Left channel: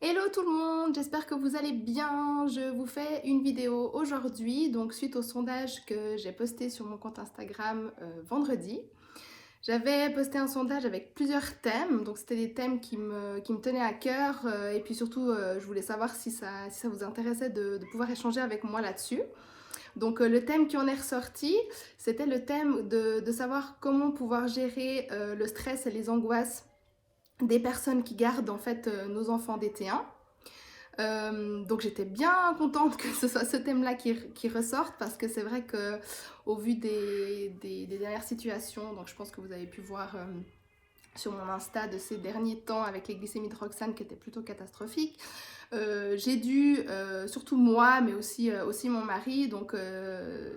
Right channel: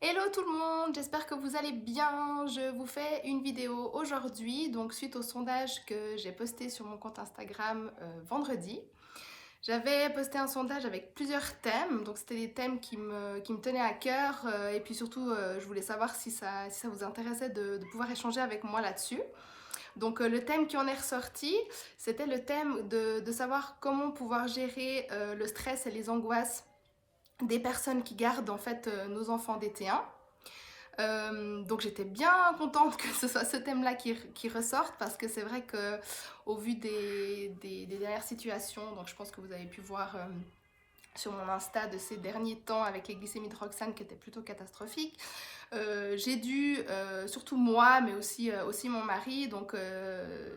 Hello tout le monde, j'espère que vous allez bien. Je vous fais une vidéo aujourd'hui, donc suite au sondage que j'ai posté sur mon compte Instagram vendredi. J'avais posté un sondage avec plusieurs thèmes, donc c'était des thèmes qui me tenaient à cœur et puis surtout je voulais savoir si ça vous intéressait de pouvoir échanger avec moi là-dessus. Donc le thème qui en est ressorti, c'était le thème de savoir comment pouvoir gérer le stress et les angoisses des personnes qui gardent en fait nos enfants d'été 1. Donc j'étais bien contente que ce soit ce thème-là qui ressorte parce que c'est vrai que au vu des dernières situations, donc je pense que vous avez pu voir sur mon Insta de ces derniers temps avec les glycémies de Roxane qui étaient plutôt catastrophiques. J'ai dû, surtout moi, mais aussi mon mari, donc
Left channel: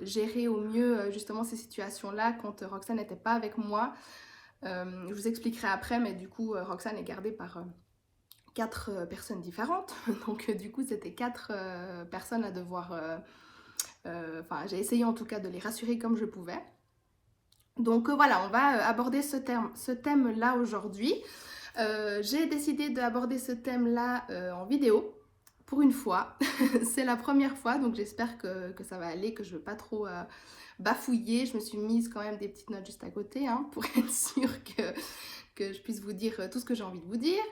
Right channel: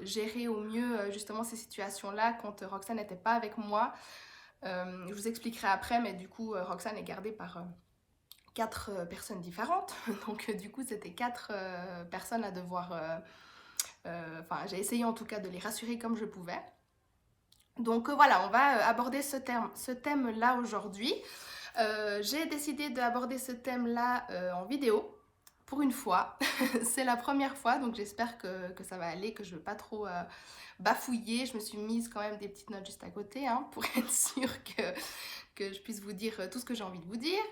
gérer au mieux justement ces situations-là quand Roxane n'était pas avec moi. Je vous expliquerai après, mais du coup Roxane est gardée par quatre personnes différentes. Donc du coup, c'était quatre personnes à devoir... Enfin, j'ai essayé en tout cas de les rassurer comme je pouvais. Donc voilà, on va aborder ce thème-là aujourd'hui. J'ai décidé d'aborder ce thème-là en vidéo. Pour une fois, c'est la première fois, donc j'espère que ça va aller, que je ne vais pas trop bafouiller. Je me suis mise quand même des petites notes juste à côté pour être sûre que je puisse vous dire tout ce que j'ai envie de vous dire.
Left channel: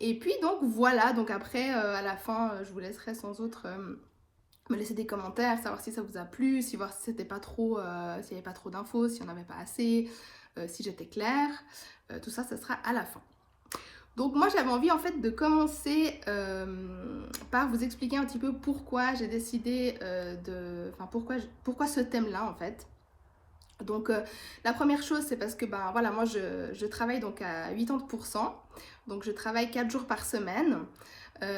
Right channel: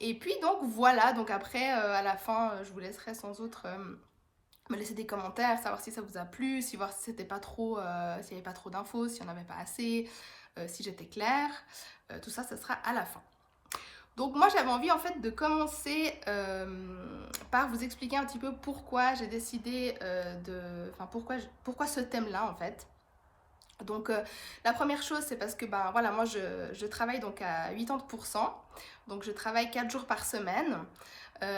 Et puis donc voilà, donc après à la fin je vous laisserai sans autre me laisser des commentaires, savoir si ça vous a plu, si voir si c'était pas trop, s'il n'y avait pas trop d'infos, s'il n'y en avait pas assez, si j'étais claire, tout ça, ça sera à la fin. Donc moi j'avais envie en fait de commencer par vous expliquer un petit peu pourquoi j'ai décidé enfin pourquoi ce thème-là en fait. Donc la première chose c'est parce que ben voilà moi je travaille donc à 80%, donc je travaille 4 jours par semaine.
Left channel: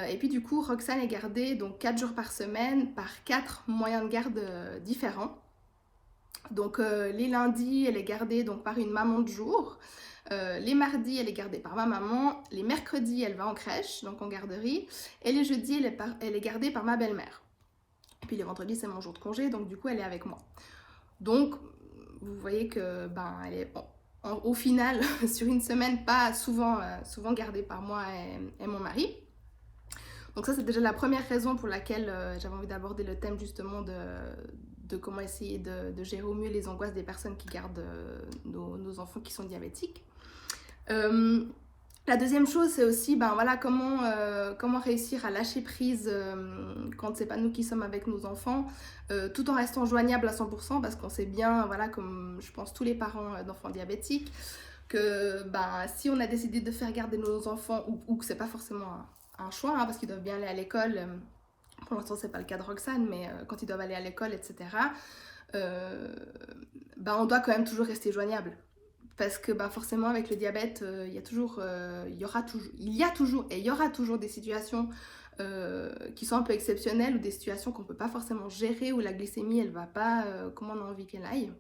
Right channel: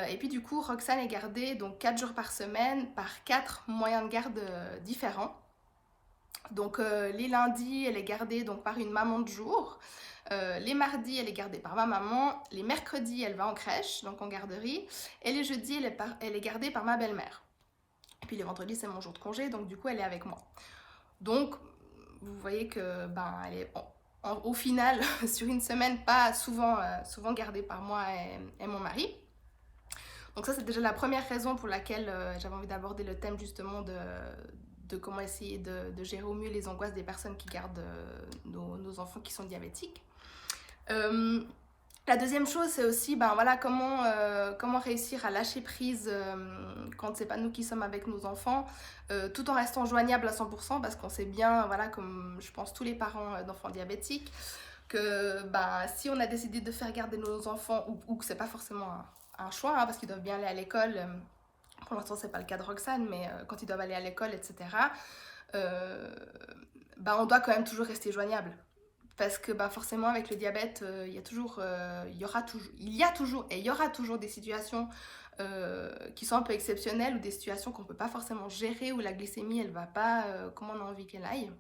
Et puis du coup Roxane est gardée donc 4 jours par semaine par 4 moyens de garde différents. Donc les lundis elle est gardée donc par une maman de jour. Les mardis, elle est gardée par ma maman. Les mercredis, elle va en crèche, donc en garderie. Et les jeudis, elle est gardée par ma belle-mère. Et puis les vendredis, c'est mon jour de congé, donc du coup, elle est avec moi. Donc, vous voyez que ben, elle est au final, sur une semaine, pas souvent gardée par moi et mon mari. Donc ça, c'est déjà la première raison pour laquelle j'avais envie d'aborder le thème justement de comment essayer de gérer au mieux les angoisses des personnes qui gardent nos enfants qui sont diabétiques. La deuxième chose, c'est aussi ben, voilà, comment réussir à lâcher prise quand c'est pas nous qui sommes avec nos enfants, tout en restant joignable à 100%, parce qu'on sait bien, voilà, comme je pense tous les parents d'enfants diabétiques, que ben, si on a décidé de faire garder nos enfants, ou que c'est pas forcément un choix, parce qu'ils doivent bien aller à l'école, pour l'instant c'est pas le cas de Roxane, mais quand ils doivent aller à l'école, etc., ben, on doit quand même toujours rester joignable. Parce que bah, forcément avec le diabète, il y a toujours et il y aura toujours des situations qui sont un peu exceptionnelles ou des situations qu'on ne peut pas forcément gérer, où la glycémie elle va pas comme on a envie qu'elle aille.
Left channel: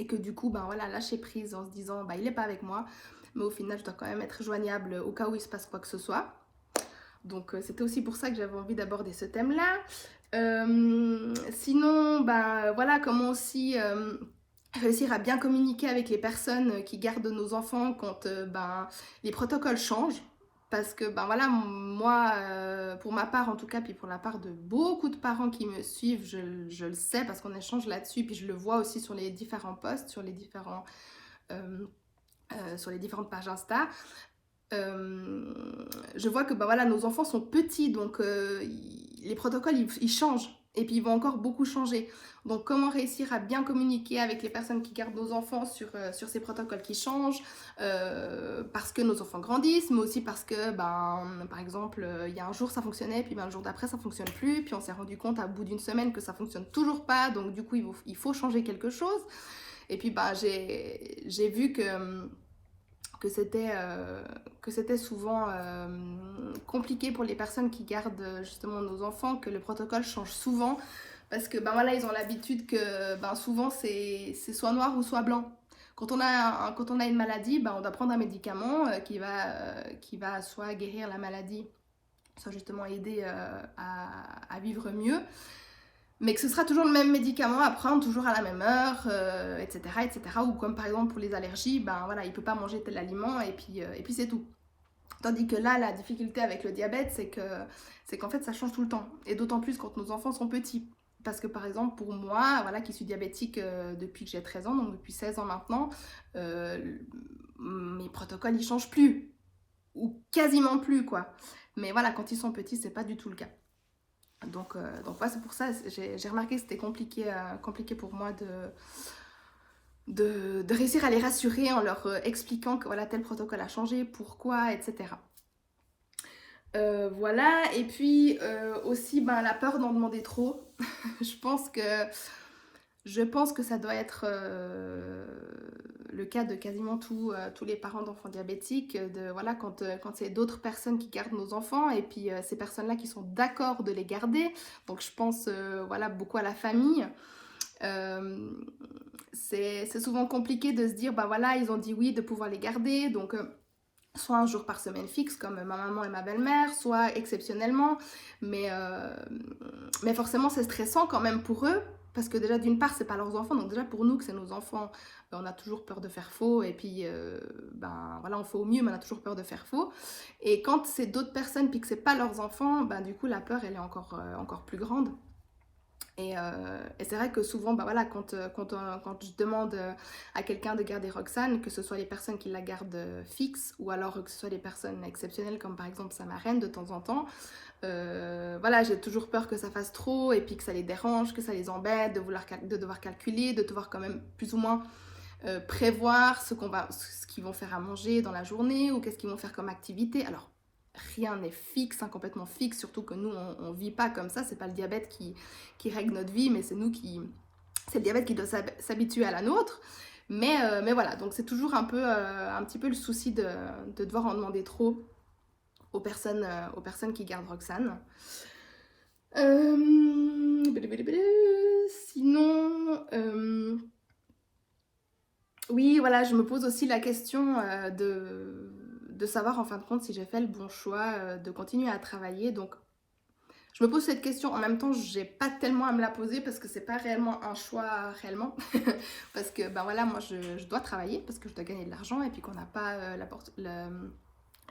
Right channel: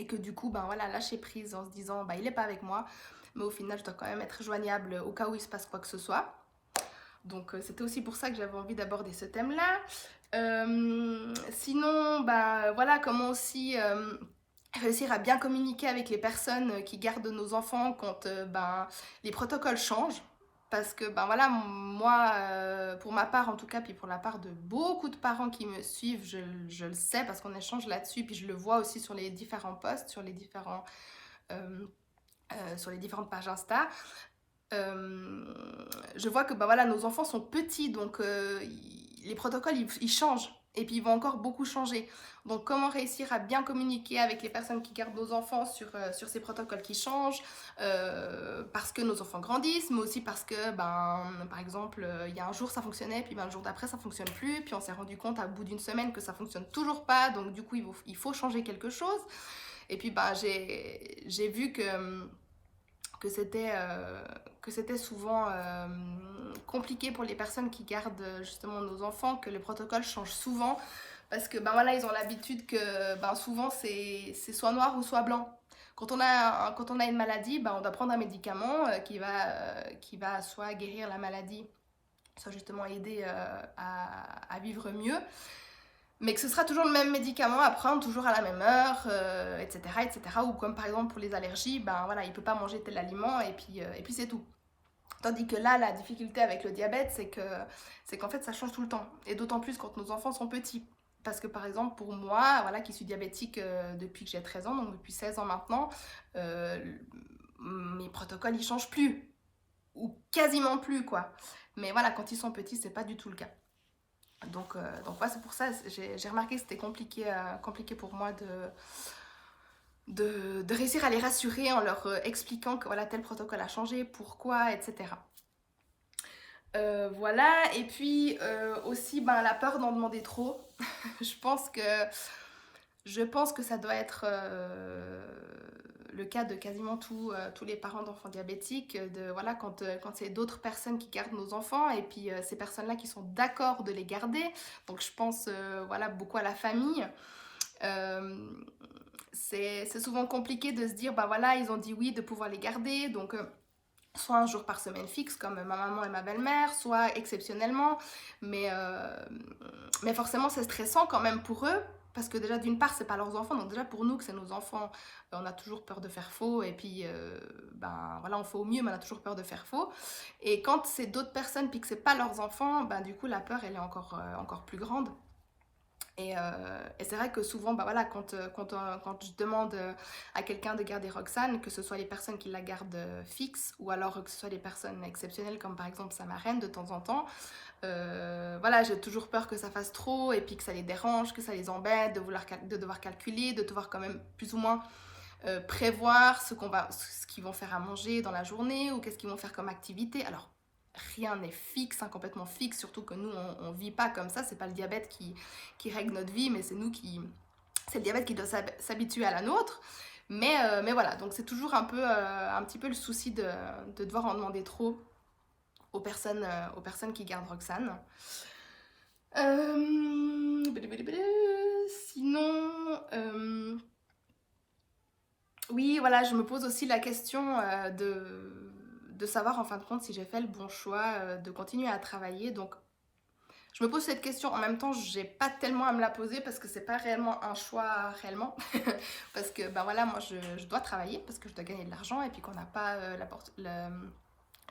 Et que du coup, ben voilà, lâcher prise en se disant bah, il n'est pas avec moi, mais au final je dois quand même être joignable au cas où il se passe quoi que ce soit. Donc c'était aussi pour ça que j'avais envie d'aborder ce thème-là. Sinon, bah voilà, comment aussi réussir à bien communiquer avec les personnes qui gardent nos enfants quand ben, les protocoles changent. Parce que ben voilà, moi, pour ma part en tout cas, puis pour la part de beaucoup de parents qui me suivent, je le sais parce qu'on échange là-dessus, puis je le vois aussi sur les différents posts, sur les différentes pages Insta. Je vois que ben voilà, nos enfants sont petits, donc les protocoles ils changent et puis ils vont encore beaucoup changer. Donc comment réussir à bien communiquer avec les personnes qui gardent nos enfants sur ces protocoles qui changent, parce que nos enfants grandissent, mais aussi parce que ben, par exemple il y a un jour ça fonctionnait, puis ben, le jour d'après ça fonctionne plus, puis on s'est rendu compte à bout d'une semaine que ça fonctionne toujours pas, donc du coup il faut changer quelque chose. Et puis ben, j'ai vu que c'était souvent compliqué pour les personnes qui gardent justement nos enfants, que le protocole change souvent, parce que ben voilà, ils ont l'habitude que ben, souvent c'est soit noir ou soit blanc. Quand on a une maladie, ben, on doit prendre un médicament qui va soit guérir la maladie, soit justement aider à vivre mieux, mais que ce sera toujours le même médicament à prendre, toujours à la même heure, etc., etc. Ou comme par exemple pour les allergies, ben voilà, il ne peut pas manger tel aliment et puis c'est tout. Tandis que là, la difficulté avec le diabète, c'est qu'en fait, ça change tout le temps. Et d'autant plus quand nos enfants sont petits. Parce que par exemple, pour moi, voilà, qui suis diabétique depuis que j'ai 13 ans, donc depuis 16 ans maintenant, mes protocoles, ils changent plus. Ou quasiment plus, quoi. Mais voilà, quand ils sont petits, c'est pas du tout le cas. Donc ouais, c'est pour ça, j'ai remarqué que c'était compliqué pour moi de réussir à les rassurer en leur expliquant que voilà, tel protocole a changé, pourquoi, etc. Voilà, et puis aussi ben, la peur d'en demander trop. Je pense que ça doit être le cas de quasiment tous les parents d'enfants diabétiques, voilà, quand c'est d'autres personnes qui gardent nos enfants, et puis ces personnes-là qui sont d'accord de les garder. Donc je pense voilà, beaucoup à la famille. C'est souvent compliqué de se dire, bah voilà, ils ont dit oui de pouvoir les garder, donc soit un jour par semaine fixe comme ma maman et ma belle-mère, soit exceptionnellement, mais forcément c'est stressant quand même pour eux, parce que déjà d'une part c'est pas leurs enfants, donc déjà pour nous que c'est nos enfants, on a toujours peur de faire faux, et puis ben voilà, on fait au mieux, mais on a toujours peur de faire faux. Et quand c'est d'autres personnes puis que c'est pas leurs enfants, ben du coup la peur elle est encore plus grande. Et c'est vrai que souvent, bah voilà, quand je demande à quelqu'un de garder Roxane, que ce soit les personnes qui la gardent fixe, ou alors que ce soit des personnes exceptionnelles, comme par exemple sa marraine de temps en temps, voilà, j'ai toujours peur que ça fasse trop, et puis que ça les dérange, que ça les embête, de devoir calculer, de devoir quand même plus ou moins prévoir ce qu'ils vont faire à manger dans la journée, ou qu'est-ce qu'ils vont faire comme activité. Alors, rien n'est fixe, hein, complètement fixe, surtout que nous, on vit pas comme ça, c'est pas le diabète qui règle notre vie, mais c'est le diabète qui doit s'habituer à la nôtre. Mais voilà, donc c'est toujours un petit peu le souci de devoir en demander trop aux personnes qui gardent Roxane. Sinon, oui, voilà, je me pose aussi la question de savoir en fin de compte si j'ai fait le bon choix de continuer à travailler. Donc, je me pose cette question. En même temps, j'ai pas tellement à me la poser parce que c'est pas réellement un choix réellement. Parce que, ben voilà, moi, je dois travailler parce que je dois gagner de l'argent et puis qu'on n'a pas la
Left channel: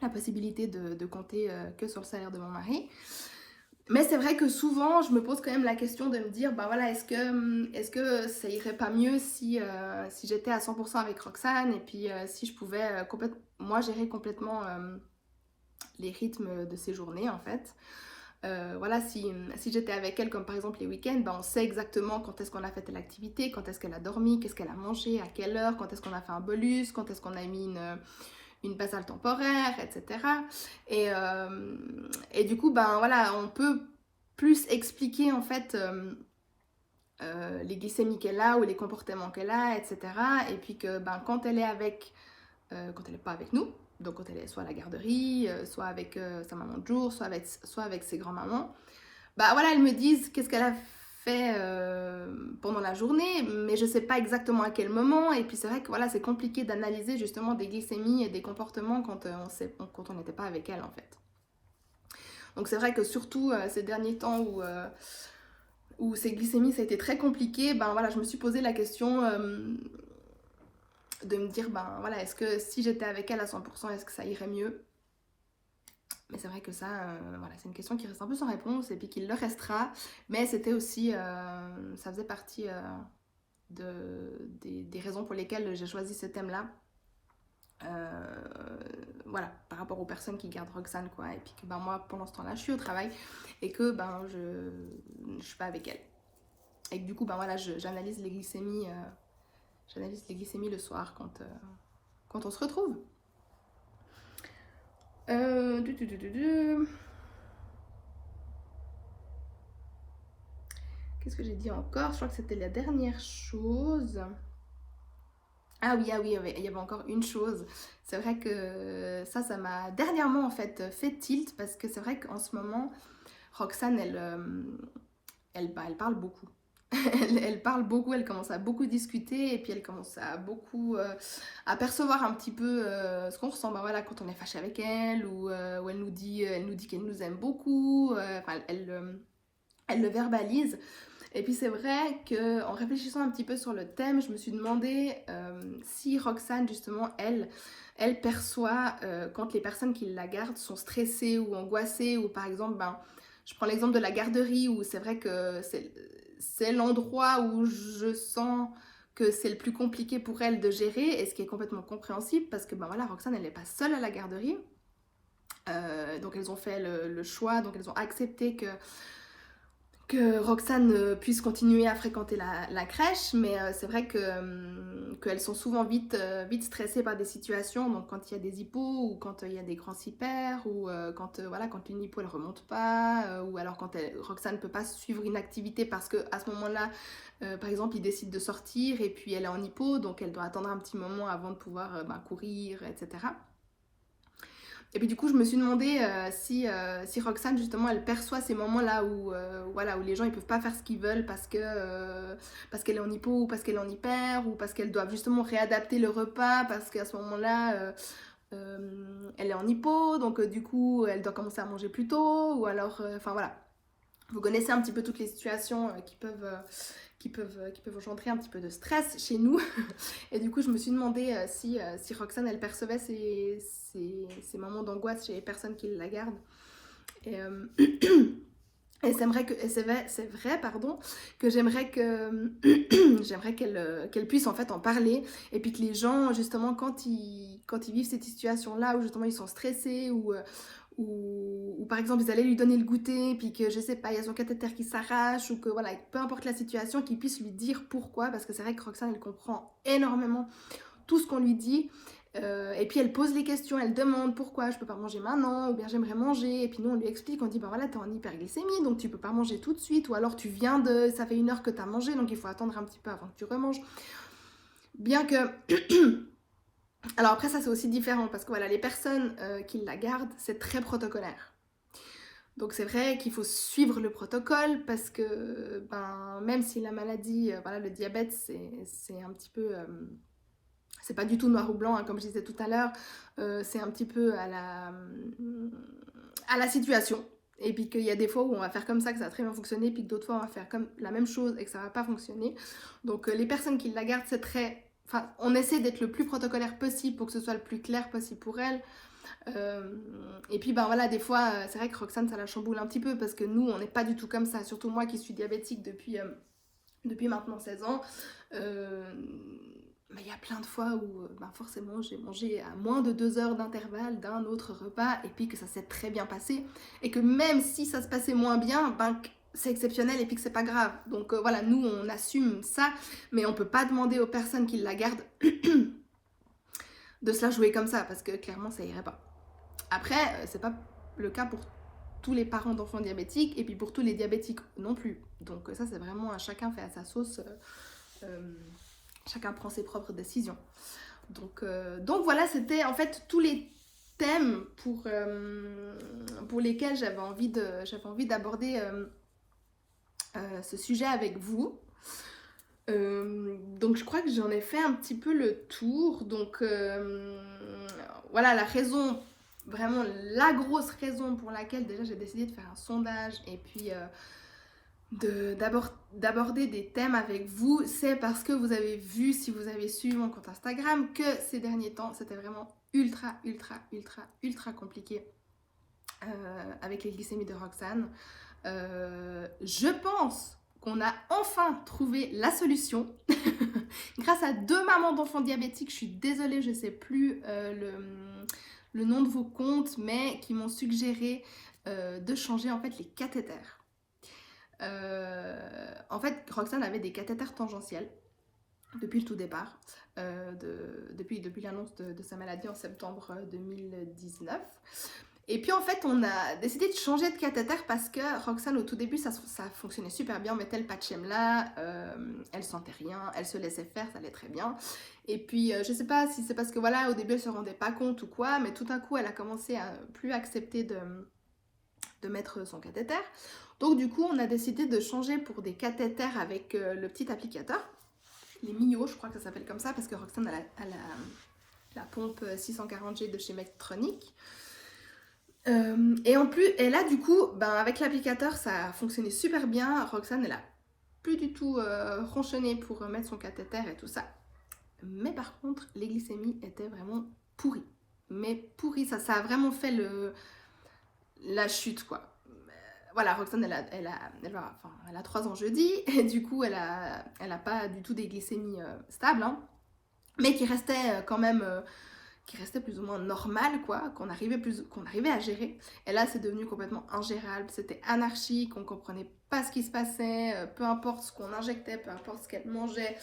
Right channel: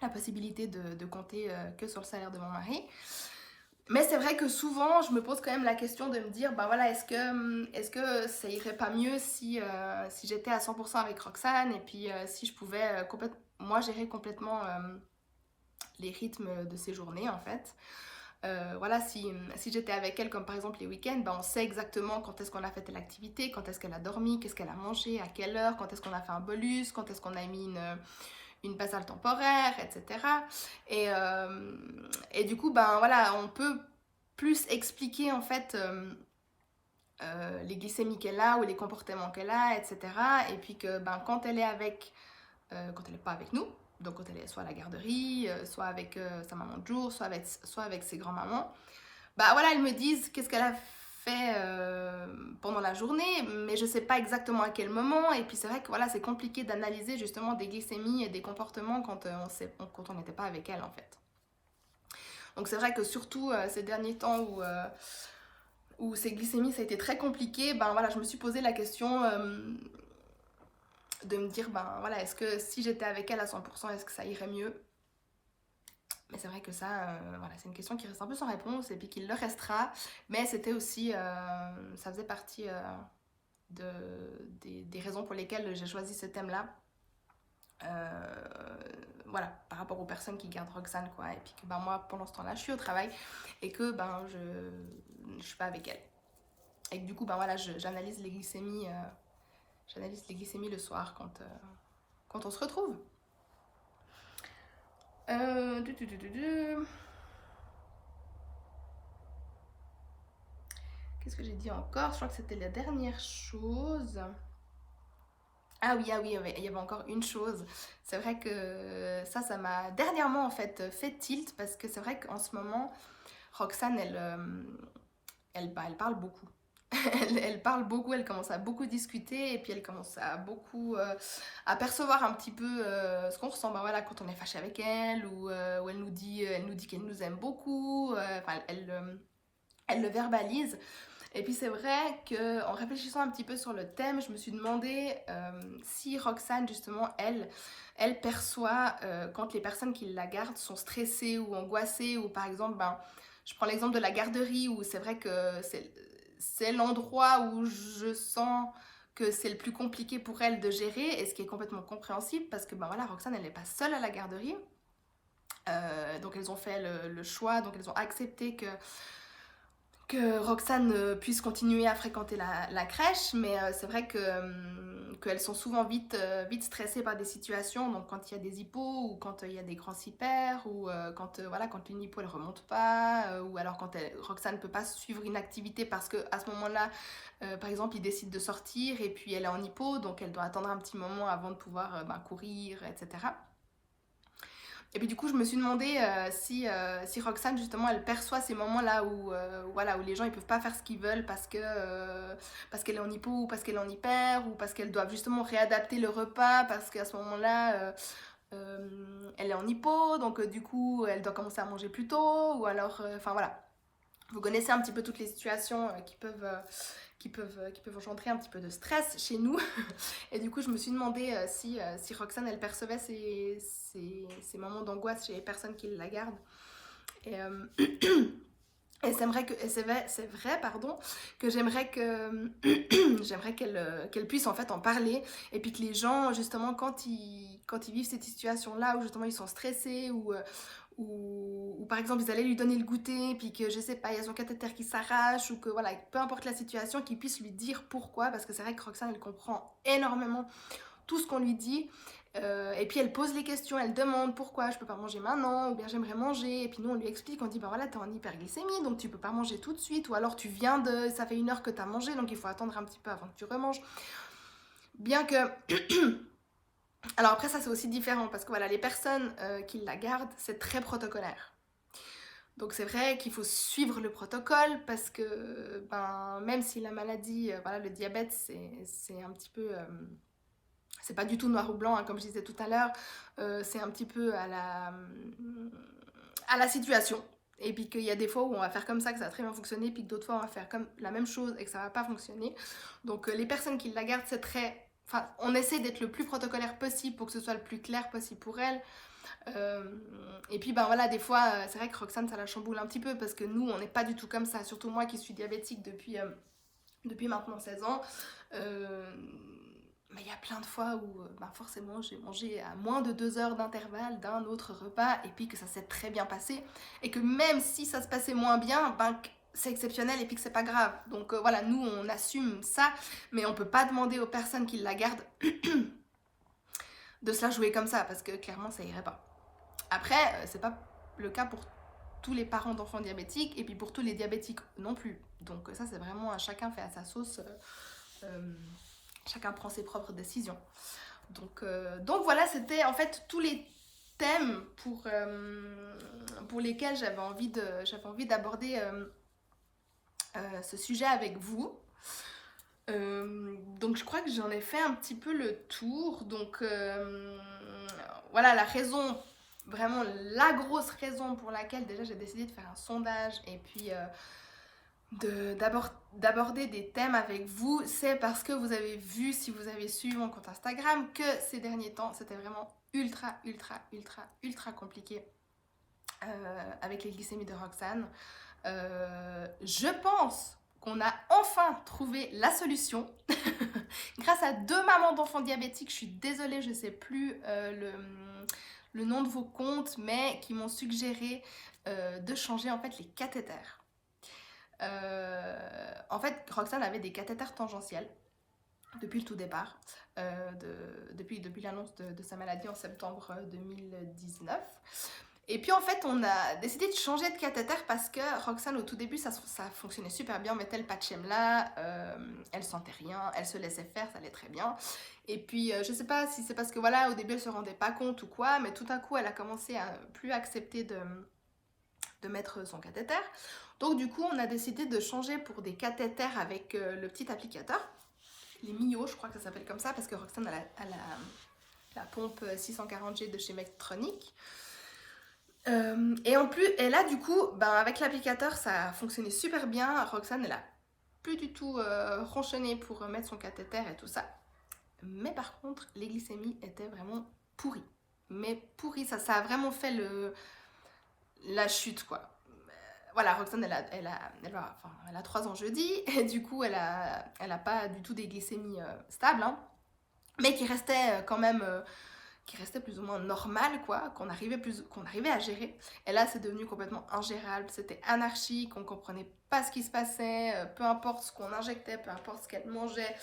possibilité de compter que sur le salaire de mon mari. Mais c'est vrai que souvent, je me pose quand même la question de me dire, bah voilà, est-ce que ça irait pas mieux si j'étais à 100% avec Roxane, et puis si je pouvais moi gérer complètement les rythmes de ses journées en fait. Voilà, si j'étais avec elle, comme par exemple les week-ends, ben on sait exactement quand est-ce qu'on a fait telle activité, quand est-ce qu'elle a dormi, qu'est-ce qu'elle a mangé, à quelle heure, quand est-ce qu'on a fait un bolus, quand est-ce qu'on a mis une basale temporaire, etc. Et du coup, ben voilà, on peut plus expliquer en fait les glycémies qu'elle a ou les comportements qu'elle a, etc. Et puis que ben, quand elle n'est pas avec nous, donc quand elle est soit à la garderie, soit avec sa maman de jour, soit avec ses grands-mamans, bah voilà, elles me disent qu'est-ce qu'elle a fait pendant la journée, mais je sais pas exactement à quel moment. Et puis c'est vrai que voilà, c'est compliqué d'analyser justement des glycémies et des comportements quand on n'était pas avec elle en fait. Donc c'est vrai que surtout ces derniers temps où ces glycémies ça a été très compliqué, ben voilà, je me suis posé la question de me dire, ben voilà, est-ce que si j'étais avec elle à 100%, est-ce que ça irait mieux? Mais c'est vrai que ça, voilà, c'est une question qui reste un peu sans réponse et puis qu'il le restera. Mais c'était aussi, ça faisait partie des raisons pour lesquelles j'ai choisi ce thème-là. Voilà, par rapport aux personnes qui gardent Roxane, quoi. Et puis que ben, moi, pendant ce temps-là, je suis au travail et que ben, je suis pas avec elle. Et que du coup, ben, voilà, j'analyse les glycémies. J'analyse les glycémies le soir quand on se retrouve. Qu'est-ce que j'ai dit encore? Je crois que c'était la dernière chose. Ah oui, il y avait encore une chose. C'est vrai que ça m'a dernièrement en fait fait tilt parce que c'est vrai qu'en ce moment, Roxane, elle parle beaucoup. Elle parle beaucoup, elle commence à beaucoup discuter et puis elle commence à beaucoup à percevoir un petit peu ce qu'on ressent, ben voilà, quand on est fâché avec elle ou elle nous dit qu'elle nous aime beaucoup. Elle le verbalise. Et puis c'est vrai qu'en réfléchissant un petit peu sur le thème, je me suis demandé si Roxane justement, elle, elle perçoit quand les personnes qui la gardent sont stressées ou angoissées, ou par exemple, je prends l'exemple de la garderie où c'est vrai que c'est l'endroit où je sens que c'est le plus compliqué pour elle de gérer, et ce qui est complètement compréhensible parce que voilà, Roxane, elle n'est pas seule à la garderie. Donc elles ont fait le choix, donc elles ont accepté que Roxane puisse continuer à fréquenter la crèche, mais c'est vrai qu'elles sont souvent vite stressées par des situations, donc quand il y a des hippos, ou quand il y a des grands hyper, ou quand une hypo elle remonte pas, ou alors quand Roxane ne peut pas suivre une activité parce qu'à ce moment-là, par exemple, il décide de sortir et puis elle est en hypo, donc elle doit attendre un petit moment avant de pouvoir courir, etc. Et puis du coup, je me suis demandé si Roxane, justement, elle perçoit ces moments-là où les gens ils peuvent pas faire ce qu'ils veulent parce qu'elle est en hypo, ou parce qu'elle est en hyper, ou parce qu'elles doivent justement réadapter le repas parce qu'à ce moment-là, elle est en hypo, donc du coup, elle doit commencer à manger plus tôt, ou alors, voilà. Vous connaissez un petit peu toutes les situations qui peuvent engendrer un petit peu de stress chez nous. Et du coup, je me suis demandé si Roxane, elle percevait ces moments d'angoisse chez les personnes qui la gardent. Et, et c'est vrai, que j'aimerais qu'elle puisse en fait en parler, et puis que les gens, justement, quand ils vivent cette situation-là où justement ils sont stressés, ou par exemple ils allaient lui donner le goûter, puis que je sais pas, il y a son cathéter qui s'arrache, ou que voilà, peu importe la situation, qu'ils puissent lui dire pourquoi, parce que c'est vrai que Roxane, elle comprend énormément tout ce qu'on lui dit, et puis elle pose les questions, elle demande pourquoi je peux pas manger maintenant, ou bien j'aimerais manger, et puis nous on lui explique, on dit voilà, t'es en hyperglycémie, donc tu peux pas manger tout de suite, ou alors ça fait 1 heure que t'as mangé, donc il faut attendre un petit peu avant que tu remanges. Bien que alors après, ça c'est aussi différent, parce que voilà, les personnes qui la gardent, c'est très protocolaire. Donc c'est vrai qu'il faut suivre le protocole, parce que même si la maladie, le diabète, c'est un petit peu... c'est pas du tout noir ou blanc, hein, comme je disais tout à l'heure, c'est un petit peu à la situation. Et puis qu'il y a des fois où on va faire comme ça, que ça va très bien fonctionner, puis que d'autres fois on va faire comme la même chose et que ça va pas fonctionner. Donc les personnes qui la gardent, c'est très... on essaie d'être le plus protocolaire possible pour que ce soit le plus clair possible pour elles. Et puis des fois, c'est vrai que Roxane, ça la chamboule un petit peu, parce que nous, on n'est pas du tout comme ça. Surtout moi qui suis diabétique depuis maintenant 16 ans. Mais il y a plein de fois où forcément j'ai mangé à moins de 2 heures d'intervalle d'un autre repas, et puis que ça s'est très bien passé, et que même si ça se passait moins bien, c'est exceptionnel, et puis que c'est pas grave. Donc voilà, nous on assume ça, mais on peut pas demander aux personnes qui la gardent de se la jouer comme ça, parce que clairement ça irait pas. Après, c'est pas le cas pour tous les parents d'enfants diabétiques, et puis pour tous les diabétiques non plus. Donc ça c'est vraiment à chacun fait à sa sauce. Chacun prend ses propres décisions. Donc voilà, c'était en fait tous les thèmes pour lesquels j'avais envie d'aborder ce sujet avec vous. Donc je crois que j'en ai fait un petit peu le tour. Donc voilà, la raison, vraiment la grosse raison pour laquelle déjà j'ai décidé de faire un sondage, et puis d'aborder des thèmes avec vous, c'est parce que vous avez vu, si vous avez suivi mon compte Instagram, que ces derniers temps c'était vraiment ultra compliqué avec les glycémies de Roxane. Je pense qu'on a enfin trouvé la solution grâce à 2 mamans d'enfants diabétiques. Je suis désolée, je ne sais plus le nom de vos comptes, mais qui m'ont suggéré de changer en fait les cathéters. En fait, Roxane avait des cathéters tangentiels depuis le tout départ, depuis l'annonce de sa maladie en septembre 2019. Et puis en fait, on a décidé de changer de cathéter parce que Roxane, au tout début, ça fonctionnait super bien. On mettait le patchem là, elle sentait rien, elle se laissait faire, ça allait très bien. Et puis, je sais pas si c'est parce que voilà, au début, elle se rendait pas compte ou quoi, mais tout à coup, elle a commencé à plus accepter de mettre son cathéter. Donc du coup, on a décidé de changer pour des cathéters avec le petit applicateur, les Mio, je crois que ça s'appelle comme ça, parce que Roxane a la pompe 640G de chez Medtronic. Et en plus, et là du coup, avec l'applicateur, ça a fonctionné super bien. Roxane, elle a plus du tout ronchonné pour mettre son cathéter et tout ça. Mais par contre, les glycémies étaient vraiment pourri. Mais pourri, ça a vraiment fait la chute, quoi. Voilà, Roxane, elle a 3 ans jeudi, et du coup, elle a pas du tout des glycémies stables, hein, mais qui restaient quand même, qui restait plus ou moins normal, quoi, qu'on arrivait à gérer. Et là, c'est devenu complètement ingérable, c'était anarchique, on comprenait pas ce qui se passait, peu importe ce qu'on injectait, peu importe ce qu'elle mangeait,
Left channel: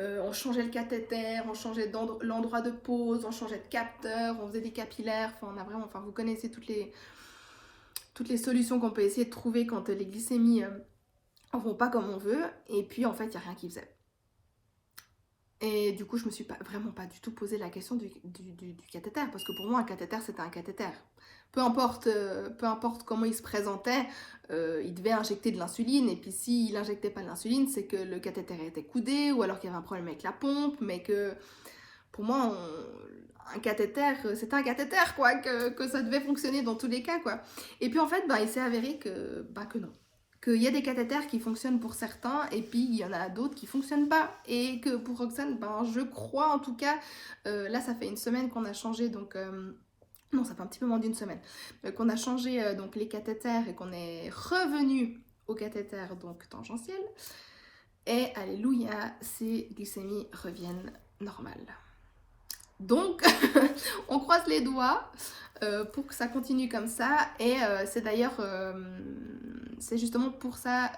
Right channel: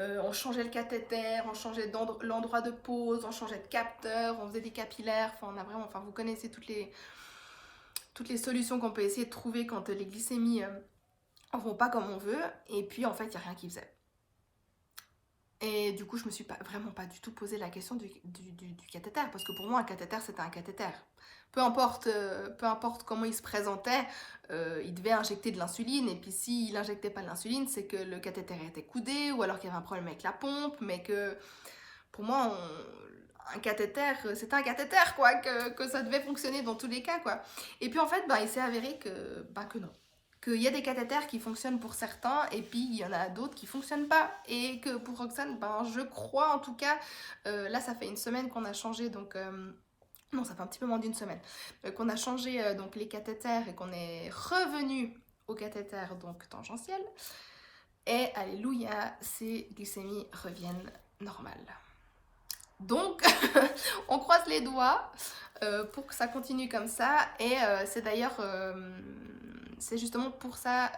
on changeait le cathéter, on changeait l'endroit de pose, on changeait de capteur, on faisait des capillaires, enfin, vous connaissez toutes les solutions qu'on peut essayer de trouver quand les glycémies en vont pas comme on veut, et puis en fait, il n'y a rien qui faisait. Et du coup, je me suis vraiment pas du tout posé la question du cathéter, parce que pour moi, un cathéter, c'était un cathéter. Peu importe comment il se présentait, il devait injecter de l'insuline, et puis s'il n'injectait pas de l'insuline, c'est que le cathéter était coudé, ou alors qu'il y avait un problème avec la pompe, mais que pour moi, un cathéter, c'était un cathéter, quoi, que ça devait fonctionner dans tous les cas, quoi. Et puis en fait, il s'est avéré que non. Qu'il y a des cathéters qui fonctionnent pour certains, et puis il y en a d'autres qui ne fonctionnent pas. Et que pour Roxane, je crois en tout cas, là ça fait une semaine qu'on a changé, donc... non, ça fait un petit peu moins d'une semaine. Qu'on a changé donc les cathéters et qu'on est revenu au cathéter donc tangentiel. Et alléluia, ces glycémies reviennent normales. Donc, on croise les doigts pour que ça continue comme ça. Et c'est d'ailleurs, c'est justement pour ça,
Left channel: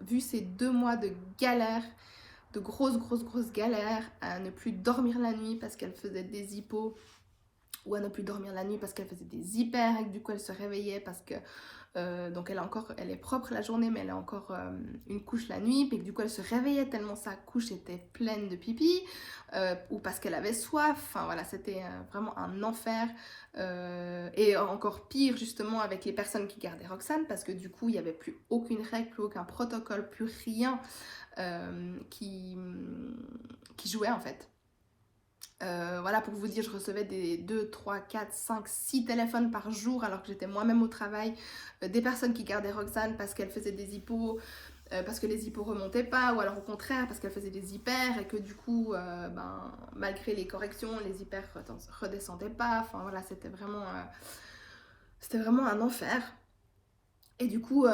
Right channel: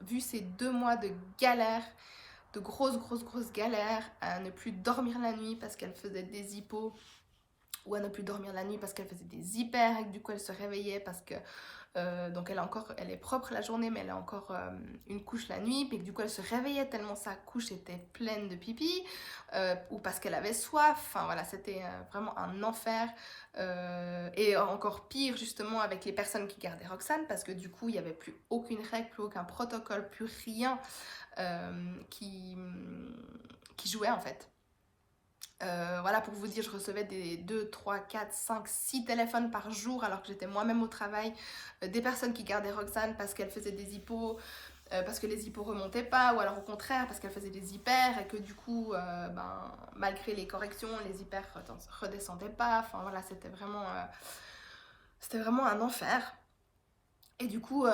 vu ces 2 mois de galère, de grosses galères, à ne plus dormir la nuit parce qu'elle faisait des hypos, ou à ne plus dormir la nuit parce qu'elle faisait des hyper, et du coup elle se réveillait parce que donc elle est propre la journée, mais elle a encore une couche la nuit, puis du coup elle se réveillait tellement sa couche était pleine de pipi, ou parce qu'elle avait soif. Enfin voilà, c'était vraiment un enfer. Et encore pire justement avec les personnes qui gardaient Roxane, parce que du coup il n'y avait plus aucune règle, plus aucun protocole, plus rien qui jouait en fait. Voilà, pour vous dire, je recevais des 2, 3, 4, 5, 6 téléphones par jour alors que j'étais moi-même au travail, des personnes qui gardaient Roxane parce qu'elle faisait des hypos, parce que les hypos remontaient pas, ou alors au contraire parce qu'elle faisait des hyper et que du coup, malgré les corrections, les hyper redescendaient pas. Enfin voilà, c'était vraiment un enfer. Et du coup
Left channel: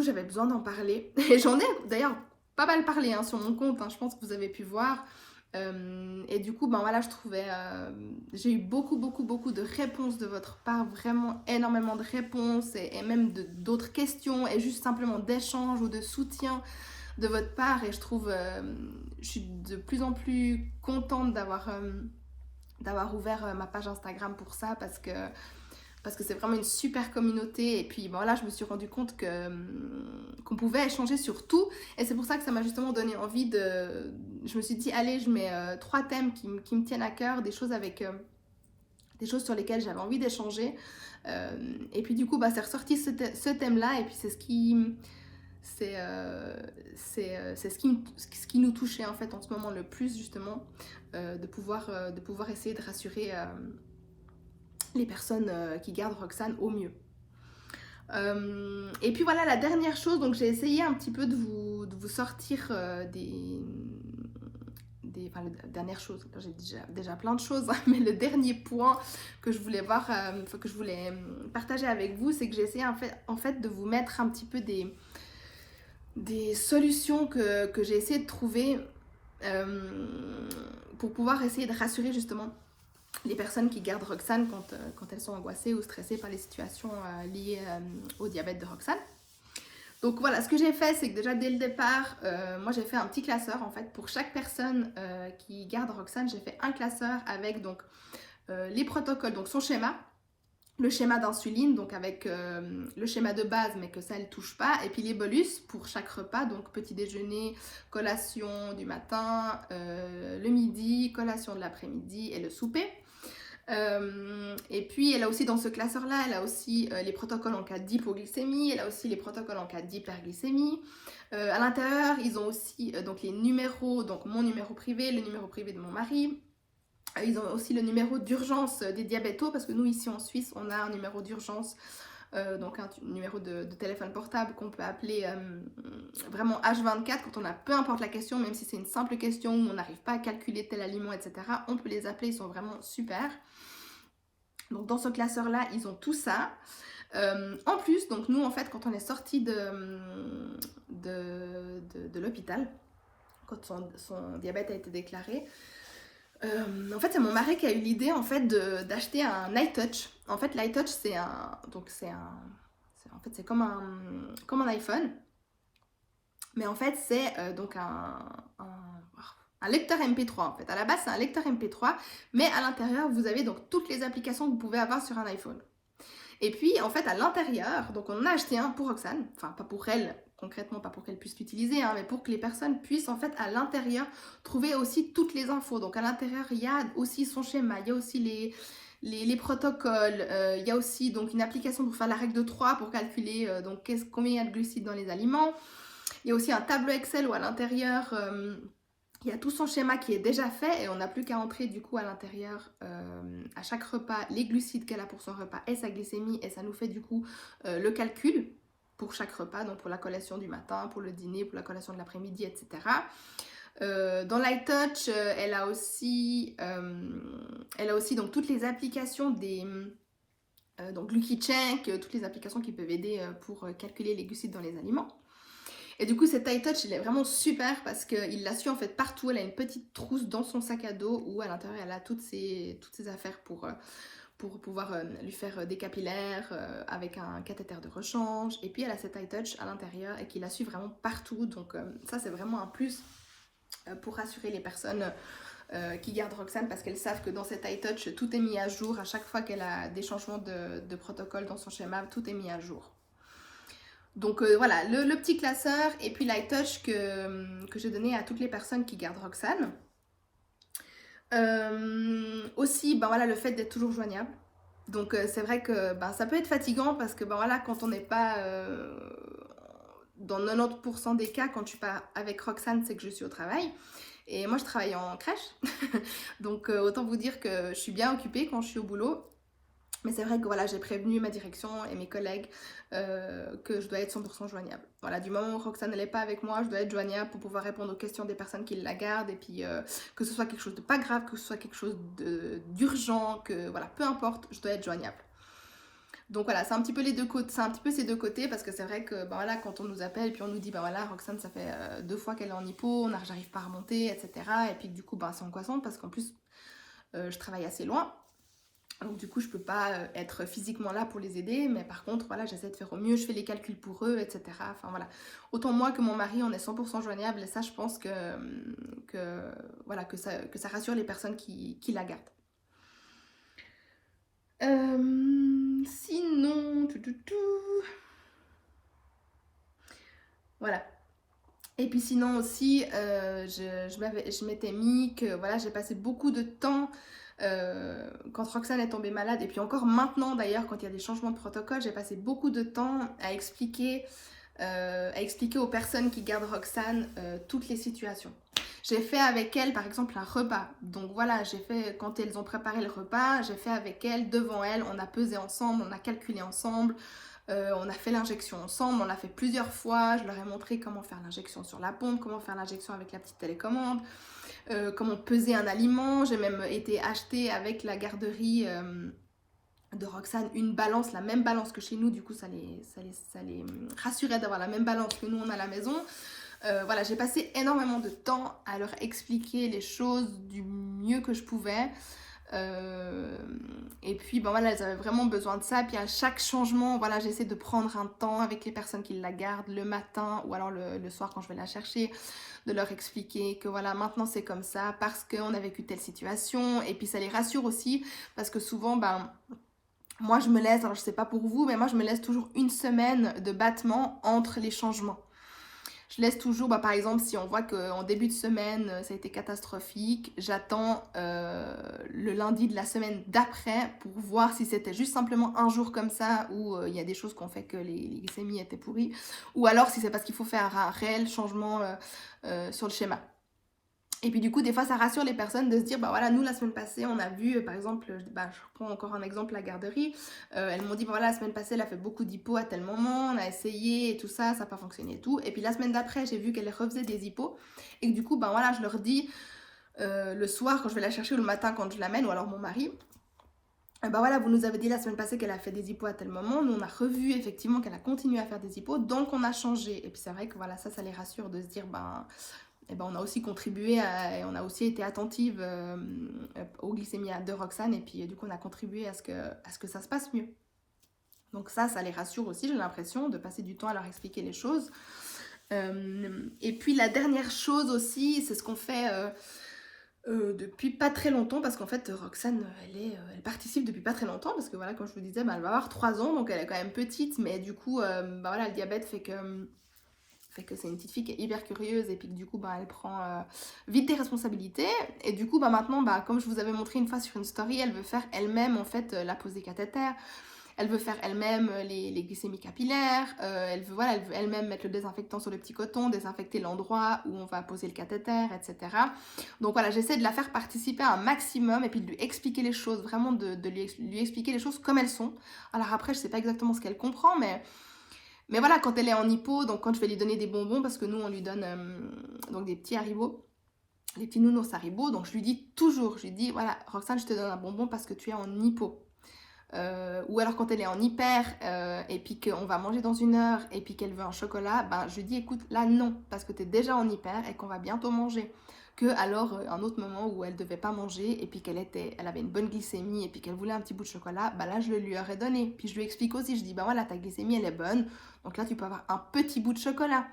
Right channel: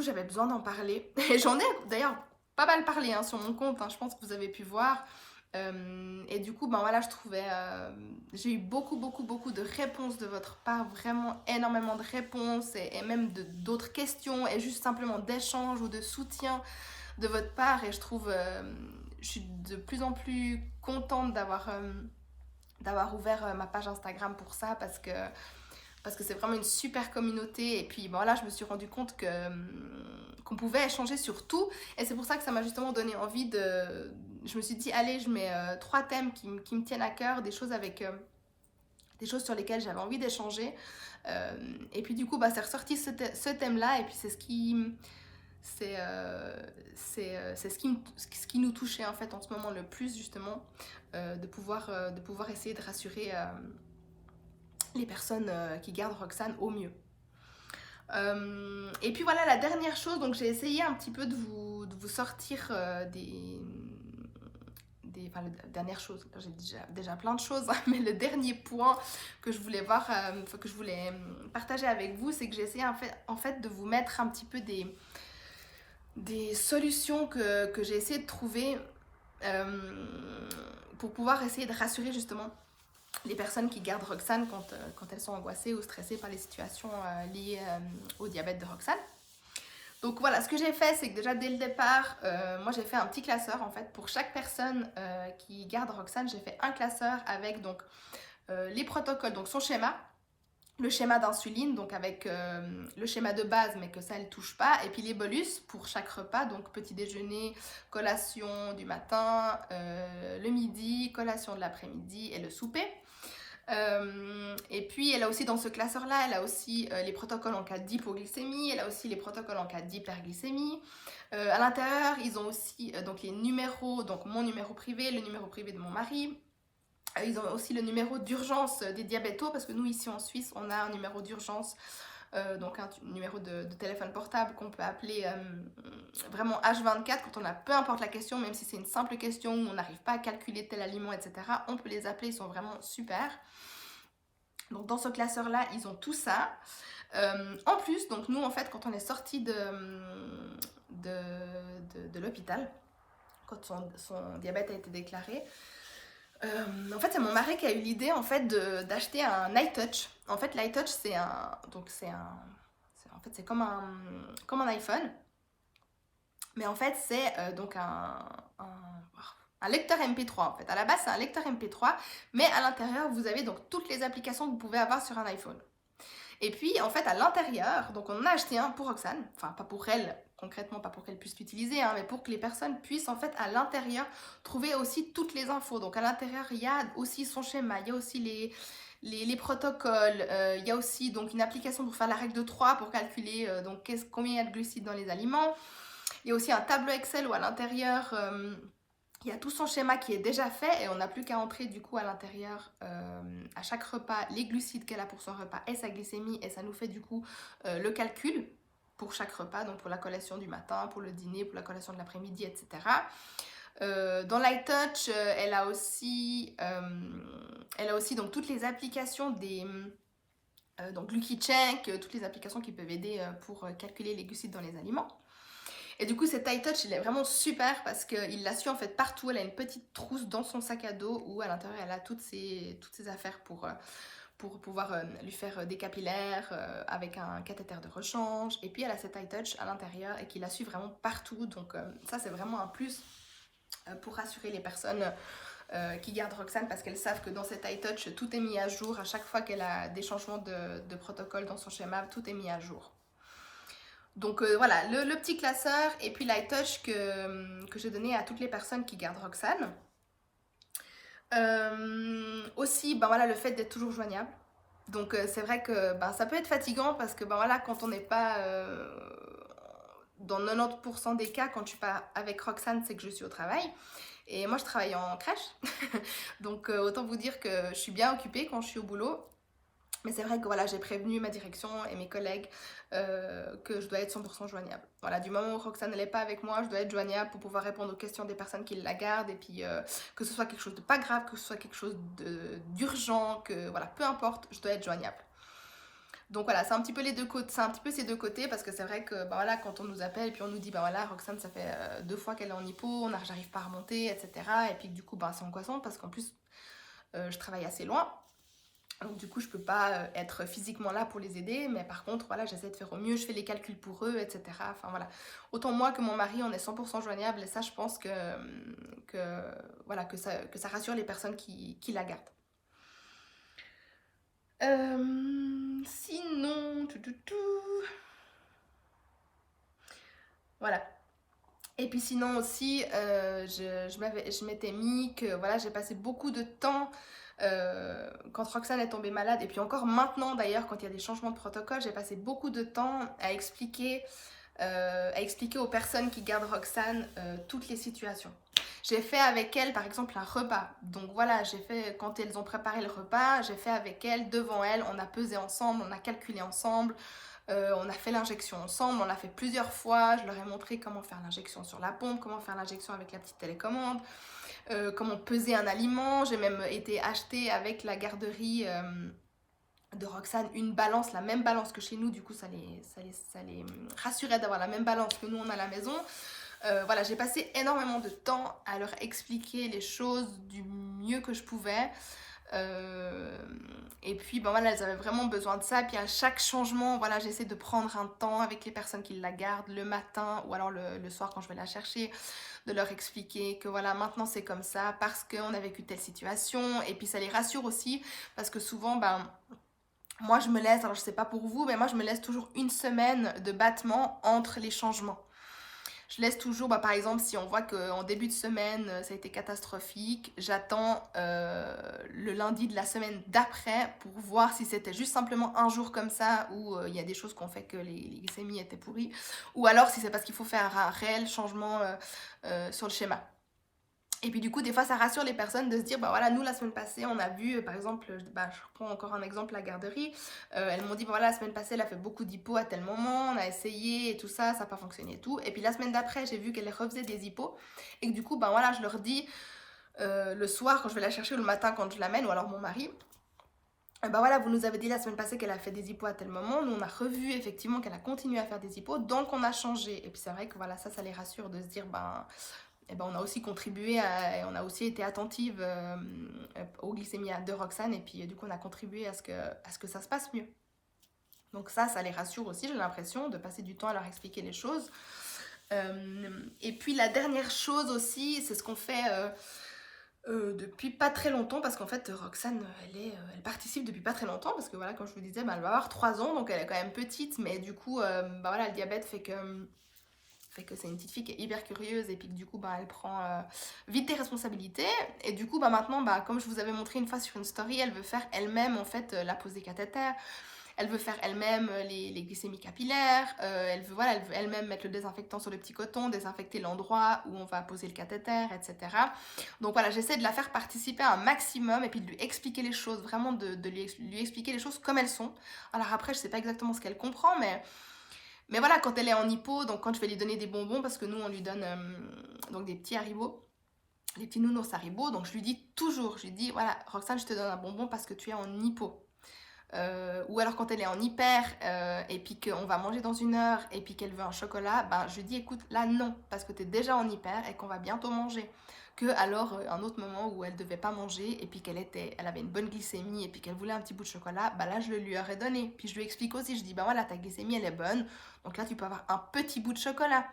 j'avais besoin d'en parler. Et j'en ai d'ailleurs pas mal parlé sur mon compte, je pense que vous avez pu voir. Et du coup, voilà, je trouvais... j'ai eu beaucoup de réponses de votre part, vraiment énormément de réponses, et même d'autres questions, et juste simplement d'échanges ou de soutien de votre part. Et je trouve... je suis de plus en plus contente d'avoir ouvert ma page Instagram pour ça, parce que c'est vraiment une super communauté. Et puis voilà, je me suis rendu compte qu'on pouvait échanger sur tout, et c'est pour ça que ça m'a justement donné envie de... Je me suis dit, allez, je mets 3 thèmes qui me tiennent à cœur, des choses des choses sur lesquelles j'avais envie d'échanger, et puis du coup c'est ressorti ce thème là, et puis c'est ce qui nous touchait en fait en ce moment le plus, justement, de pouvoir essayer de rassurer les personnes qui gardent Roxane au mieux. Et puis voilà, la dernière chose, donc j'ai essayé un petit peu de vous sortir enfin, la dernière chose, j'ai déjà plein de choses, mais le dernier point que je voulais que je voulais partager avec vous, c'est que j'ai essayé en fait de vous mettre un petit peu des solutions que j'ai essayé de trouver pour pouvoir essayer de rassurer justement les personnes qui gardent Roxane quand elles sont angoissées ou stressées par les situations liées au diabète de Roxane. Donc voilà, ce que j'ai fait, c'est que déjà dès le départ, moi j'ai fait un petit classeur en fait. Pour chaque personne qui garde Roxane, j'ai fait un classeur avec donc les protocoles, donc son schéma, le schéma d'insuline, donc avec le schéma de base, mais que ça ne touche pas, et puis les bolus pour chaque repas, donc petit déjeuner, collation du matin, le midi, collation de l'après-midi et le souper. Et puis elle a aussi dans ce classeur là, elle a aussi les protocoles en cas d'hypoglycémie, elle a aussi les protocoles en cas d'hyperglycémie. À l'intérieur ils ont aussi donc les numéros, donc mon numéro privé, le numéro privé de mon mari. Ils ont aussi le numéro d'urgence des diabétos, parce que nous ici en Suisse on a un numéro d'urgence donc un numéro de téléphone portable qu'on peut appeler vraiment H24 quand on a peu importe la question, même si c'est une simple question où on n'arrive pas à calculer tel aliment, etc. On peut les appeler, ils sont vraiment super. Donc dans ce classeur-là, ils ont tout ça. En plus, donc nous, en fait, quand on est sorti de l'hôpital, quand son diabète a été déclaré, en fait, c'est mon mari qui a eu l'idée en fait d'acheter un iTouch. En fait, l'iTouch, c'est comme un iPhone, mais en fait, c'est donc un lecteur MP3 en fait. À la base, c'est un lecteur MP3, mais à l'intérieur, vous avez donc toutes les applications que vous pouvez avoir sur un iPhone. Et puis, en fait, à l'intérieur, donc on en a acheté un pour Roxane, enfin pas pour elle, concrètement pas pour qu'elle puisse l'utiliser, hein, mais pour que les personnes puissent en fait à l'intérieur trouver aussi toutes les infos. Donc à l'intérieur, il y a aussi son schéma, il y a aussi les protocoles, il y a aussi donc une application pour faire la règle de 3 pour calculer donc combien il y a de glucides dans les aliments. Il y a aussi un tableau Excel où à l'intérieur, il y a tout son schéma qui est déjà fait et on n'a plus qu'à entrer du coup à l'intérieur à chaque repas les glucides qu'elle a pour son repas et sa glycémie, et ça nous fait du coup le calcul pour chaque repas, donc pour la collation du matin, pour le dîner, pour la collation de l'après-midi, etc. Dans l'iTouch, elle a aussi donc toutes les applications donc GluciCheck, toutes les applications qui peuvent aider pour calculer les glucides dans les aliments. Et du coup, cet iTouch, il est vraiment super parce qu'il la suit en fait partout. Elle a une petite trousse dans son sac à dos où à l'intérieur, elle a toutes ses affaires pour pouvoir lui faire des capillaires avec un cathéter de rechange. Et puis, elle a cet iTouch à l'intérieur et qui la suit vraiment partout. Donc, ça, c'est vraiment un plus pour rassurer les personnes qui gardent Roxane parce qu'elles savent que dans cet iTouch, tout est mis à jour. À chaque fois qu'elle a des changements de protocole dans son schéma, tout est mis à jour. Donc voilà, le petit classeur et puis l'iTouch que j'ai donné à toutes les personnes qui gardent Roxane. Aussi, ben voilà, le fait d'être toujours joignable. Donc c'est vrai que ça peut être fatigant parce que voilà, quand on n'est pas dans 90% des cas, quand je suis pas avec Roxane, c'est que je suis au travail. Et moi, je travaille en crèche. Donc autant vous dire que je suis bien occupée quand je suis au boulot. Mais c'est vrai que voilà, j'ai prévenu ma direction et mes collègues que je dois être 100% joignable. Voilà, du moment où Roxane n'est pas avec moi, je dois être joignable pour pouvoir répondre aux questions des personnes qui la gardent. Et puis que ce soit quelque chose de pas grave, que ce soit quelque chose d'urgent, que voilà, peu importe, je dois être joignable. Donc voilà, c'est un petit peu les deux côtés, c'est un petit peu ces deux côtés parce que c'est vrai que voilà, quand on nous appelle et puis on nous dit voilà, Roxane, ça fait 2 fois qu'elle est en hypo, j'arrive pas à remonter, etc. Et puis du coup, c'est angoissant parce qu'en plus, je travaille assez loin. Donc du coup, je peux pas être physiquement là pour les aider, mais par contre, voilà, j'essaie de faire au mieux, je fais les calculs pour eux, etc. Enfin voilà, autant moi que mon mari, on est 100% joignable et ça, je pense que ça rassure les personnes qui la gardent. Sinon, voilà. Et puis sinon aussi, je m'étais mis que voilà, j'ai passé beaucoup de temps quand Roxane est tombée malade, et puis encore maintenant d'ailleurs, quand il y a des changements de protocole, j'ai passé beaucoup de temps à expliquer aux personnes qui gardent Roxane toutes les situations. J'ai fait avec elle par exemple un repas, donc voilà, j'ai fait quand elles ont préparé le repas, j'ai fait avec elle, devant elle, on a pesé ensemble, on a calculé ensemble, on a fait l'injection ensemble, on l'a fait plusieurs fois, je leur ai montré comment faire l'injection sur la pompe, comment faire l'injection avec la petite télécommande, comment peser un aliment. J'ai même été acheter avec la garderie de Roxane une balance, la même balance que chez nous, du coup ça les rassurait d'avoir la même balance que nous on a à la maison. Voilà, j'ai passé énormément de temps à leur expliquer les choses du mieux que je pouvais. Et puis voilà, elles avaient vraiment besoin de ça. Puis à chaque changement, voilà, j'essaie de prendre un temps avec les personnes qui la gardent le matin ou alors le soir quand je vais la chercher, de leur expliquer que voilà, maintenant c'est comme ça parce qu'on a vécu telle situation. Et puis ça les rassure aussi parce que souvent, moi je me laisse, alors je sais pas pour vous, mais moi je me laisse toujours une semaine de battement entre les changements. Je laisse toujours, par exemple, si on voit qu'en début de semaine, ça a été catastrophique, j'attends le lundi de la semaine d'après pour voir si c'était juste simplement un jour comme ça où il y a des choses qui ont fait que les glycémies étaient pourries, ou alors si c'est parce qu'il faut faire un réel changement sur le schéma. Et puis du coup, des fois, ça rassure les personnes de se dire, bah voilà, nous, la semaine passée, on a vu, par exemple, je reprends encore un exemple, la garderie. Elles m'ont dit, bah, voilà, la semaine passée, elle a fait beaucoup d'hypo à tel moment, on a essayé et tout ça, ça n'a pas fonctionné et tout. Et puis la semaine d'après, j'ai vu qu'elle refaisait des hypos. Et que du coup, ben voilà, je leur dis, le soir, quand je vais la chercher, ou le matin, quand je l'amène, ou alors mon mari, ben voilà, vous nous avez dit la semaine passée qu'elle a fait des hypos à tel moment. Nous, on a revu effectivement qu'elle a continué à faire des hypos, donc on a changé. Et puis c'est vrai que voilà, ça les rassure de se dire, eh ben, on a aussi contribué, on a aussi été attentive aux glycémies de Roxane, et puis du coup, on a contribué à ce que ça se passe mieux. Donc ça les rassure aussi, j'ai l'impression, de passer du temps à leur expliquer les choses. Et puis la dernière chose aussi, c'est ce qu'on fait depuis pas très longtemps, parce qu'en fait Roxane elle participe depuis pas très longtemps, parce que voilà, comme je vous disais, bah, elle va avoir 3 ans, donc elle est quand même petite, mais du coup bah, voilà, le diabète fait que c'est une petite fille qui est hyper curieuse, et puis que du coup bah, elle prend vite des responsabilités, et du coup bah, maintenant bah, comme je vous avais montré une fois sur une story, elle veut faire elle-même en fait la pose des cathéters. Elle veut faire elle-même les glycémies capillaires, elle veut elle-même mettre le désinfectant sur le petit coton, désinfecter l'endroit où on va poser le cathéter, etc. Donc voilà, j'essaie de la faire participer un maximum, et puis de lui expliquer les choses, vraiment de lui expliquer les choses comme elles sont. Alors après, je sais pas exactement ce qu'elle comprend, mais voilà, quand elle est en hypo, donc quand je vais lui donner des bonbons, parce que nous on lui donne donc des petits Haribo, des petits nounours Haribo, donc je lui dis toujours, voilà, Roxane, je te donne un bonbon parce que tu es en hypo. Ou alors quand elle est en hyper et puis qu'on va manger dans 1 heure et puis qu'elle veut un chocolat, ben je dis écoute, là non, parce que tu es déjà en hyper et qu'on va bientôt manger. Que alors un autre moment où elle devait pas manger et puis elle avait une bonne glycémie et puis qu'elle voulait un petit bout de chocolat, ben là je le lui aurais donné. Puis je lui explique aussi, je dis ben voilà, ta glycémie elle est bonne, donc là tu peux avoir un petit bout de chocolat.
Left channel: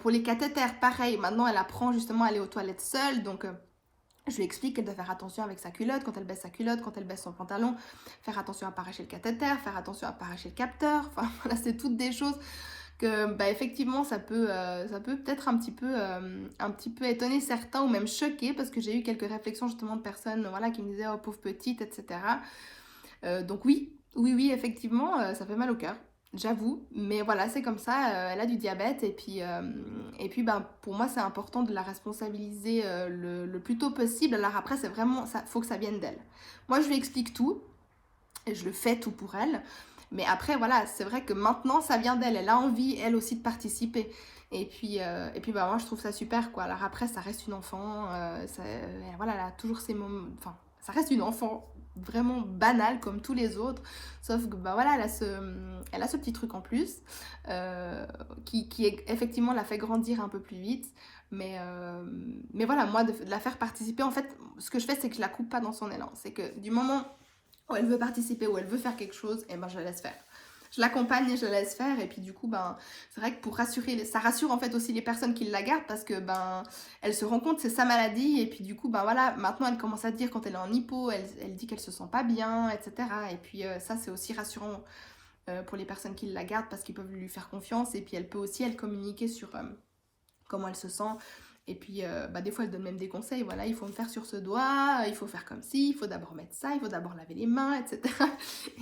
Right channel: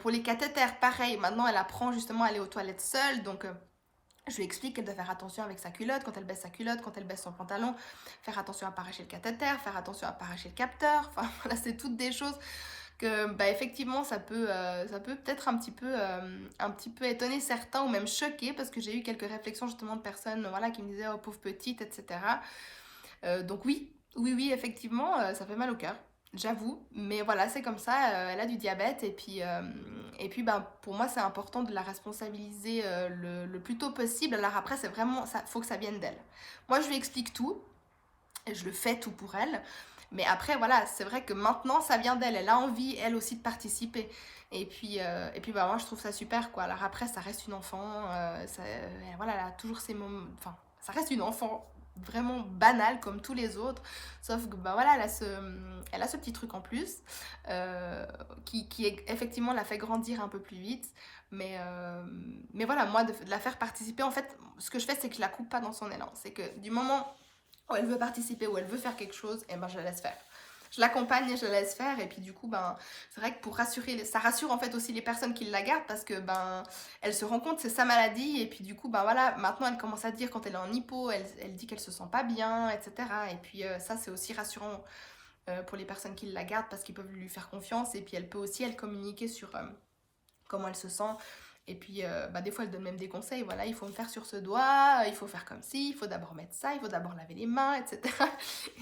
Pour les cathéters, pareil, maintenant elle apprend justement à aller aux toilettes seule, donc je lui explique qu'elle doit faire attention avec sa culotte, quand elle baisse sa culotte, quand elle baisse son pantalon, faire attention à ne pas arracher le cathéter, faire attention à ne pas arracher le capteur. Enfin, voilà, c'est toutes des choses que, bah, effectivement, ça peut peut-être un petit peu étonner certains, ou même choquer, parce que j'ai eu quelques réflexions justement de personnes, voilà, qui me disaient « Oh, pauvre petite », etc. Donc oui, effectivement, ça fait mal au cœur. J'avoue, mais voilà, c'est comme ça, elle a du diabète, et puis ben, pour moi c'est important de la responsabiliser le plus tôt possible. Alors après, c'est vraiment, ça, faut que ça vienne d'elle. Moi je lui explique tout, et je le fais tout pour elle, mais après voilà, c'est vrai que maintenant ça vient d'elle, elle a envie elle aussi de participer. Et puis ben, moi je trouve ça super, quoi. Alors après, ça reste une enfant, voilà, elle a toujours ses moments, enfin, ça reste une enfant vraiment banale comme tous les autres, sauf que bah voilà, elle a ce petit truc en plus qui effectivement la fait grandir un peu plus vite, mais voilà, moi de la faire participer, en fait ce que je fais, c'est que je la coupe pas dans son élan, c'est que du moment où elle veut participer, où elle veut faire quelque chose, et ben je la laisse faire. Je l'accompagne et je la laisse faire, et puis du coup, ben, c'est vrai que pour rassurer, ça rassure en fait aussi les personnes qui la gardent, parce que ben, elle se rend compte que c'est sa maladie, et puis du coup, ben voilà, maintenant elle commence à dire quand elle est en hypo, elle dit qu'elle se sent pas bien, etc. Et puis ça, c'est aussi rassurant pour les personnes qui la gardent, parce qu'ils peuvent lui faire confiance, et puis elle peut aussi, elle, communiquer sur comment elle se sent. Et puis, bah, des fois, elle donne même des conseils. Voilà, il faut me faire sur ce doigt, il faut faire comme ci, il faut d'abord mettre ça, il faut d'abord laver les mains, etc.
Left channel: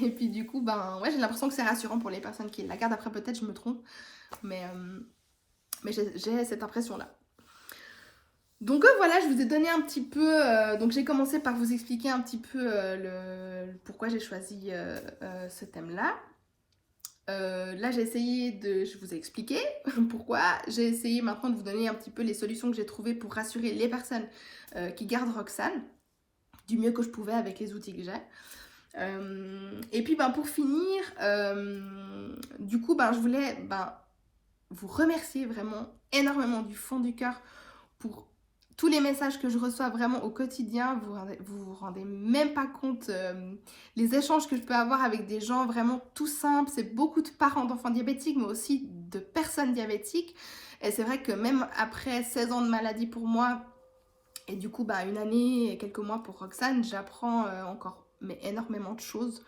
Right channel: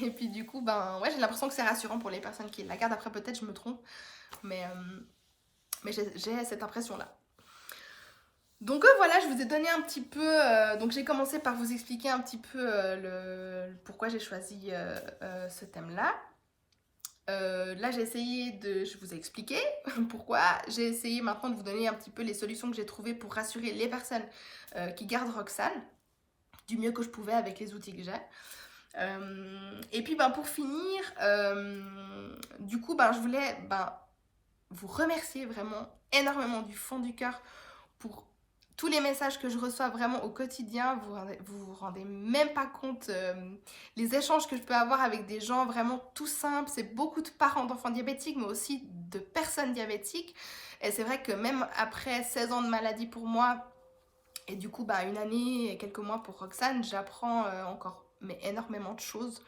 Et puis, du coup, ben, ouais, j'ai l'impression que c'est rassurant pour les personnes qui la gardent. Après, peut-être, je me trompe, mais j'ai cette impression-là. Donc, voilà, je vous ai donné un petit peu... donc, j'ai commencé par vous expliquer un petit peu pourquoi j'ai choisi ce thème-là. Là, j'ai essayé je vous ai expliqué pourquoi. J'ai essayé maintenant de vous donner un petit peu les solutions que j'ai trouvées pour rassurer les personnes qui gardent Roxane du mieux que je pouvais avec les outils que j'ai. Et puis, ben, pour finir, du coup, ben, je voulais vous remercier vraiment énormément du fond du cœur pour tous les messages que je reçois vraiment au quotidien. Vous rendez même pas compte les échanges que je peux avoir avec des gens vraiment tout simples. C'est beaucoup de parents d'enfants diabétiques, mais aussi de personnes diabétiques. Et c'est vrai que même après 16 ans de maladie pour moi, et du coup 1 année et quelques mois pour Roxane, j'apprends encore énormément de choses.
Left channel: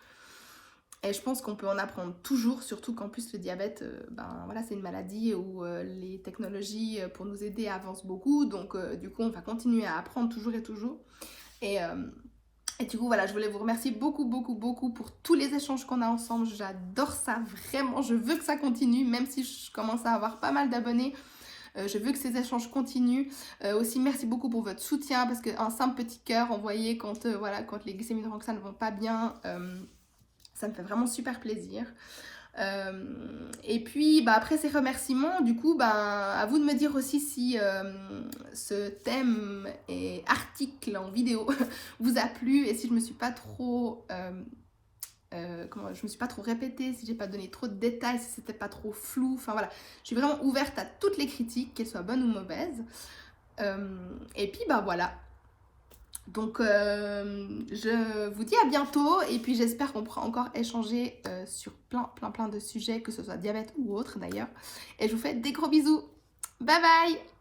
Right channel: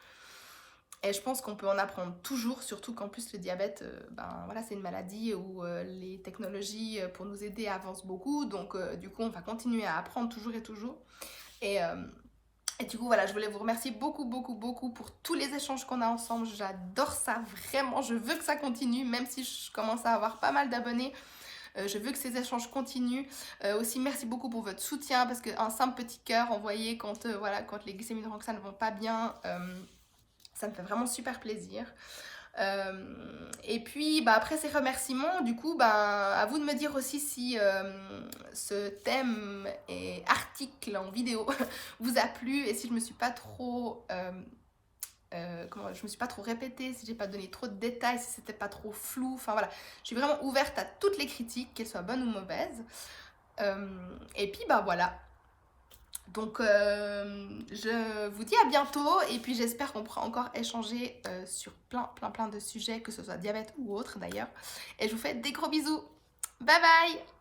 Et je pense qu'on peut en apprendre toujours, surtout qu'en plus le diabète, voilà, c'est une maladie où les technologies pour nous aider avancent beaucoup. Donc du coup, on va continuer à apprendre toujours et toujours. Et du coup, voilà, je voulais vous remercier beaucoup pour tous les échanges qu'on a ensemble. J'adore ça, vraiment. Je veux que ça continue, même si je commence à avoir pas mal d'abonnés. Je veux que ces échanges continuent. Aussi, merci beaucoup pour votre soutien parce qu'un simple petit cœur envoyé quand, voilà, quand les glycémies de Roxane ne vont pas bien, ça me fait vraiment super plaisir. Et puis après ces remerciements, du coup, à vous de me dire aussi si ce thème et article en vidéo vous a plu et si je me suis pas trop je me suis pas trop répétée, si j'ai pas donné trop de détails, si c'était pas trop flou. Enfin voilà, je suis vraiment ouverte à toutes les critiques, qu'elles soient bonnes ou mauvaises. Et puis voilà. Donc je vous dis à bientôt et puis j'espère qu'on pourra encore échanger sur plein de sujets, que ce soit diabète ou autre d'ailleurs. Et je vous fais des gros bisous. Bye bye!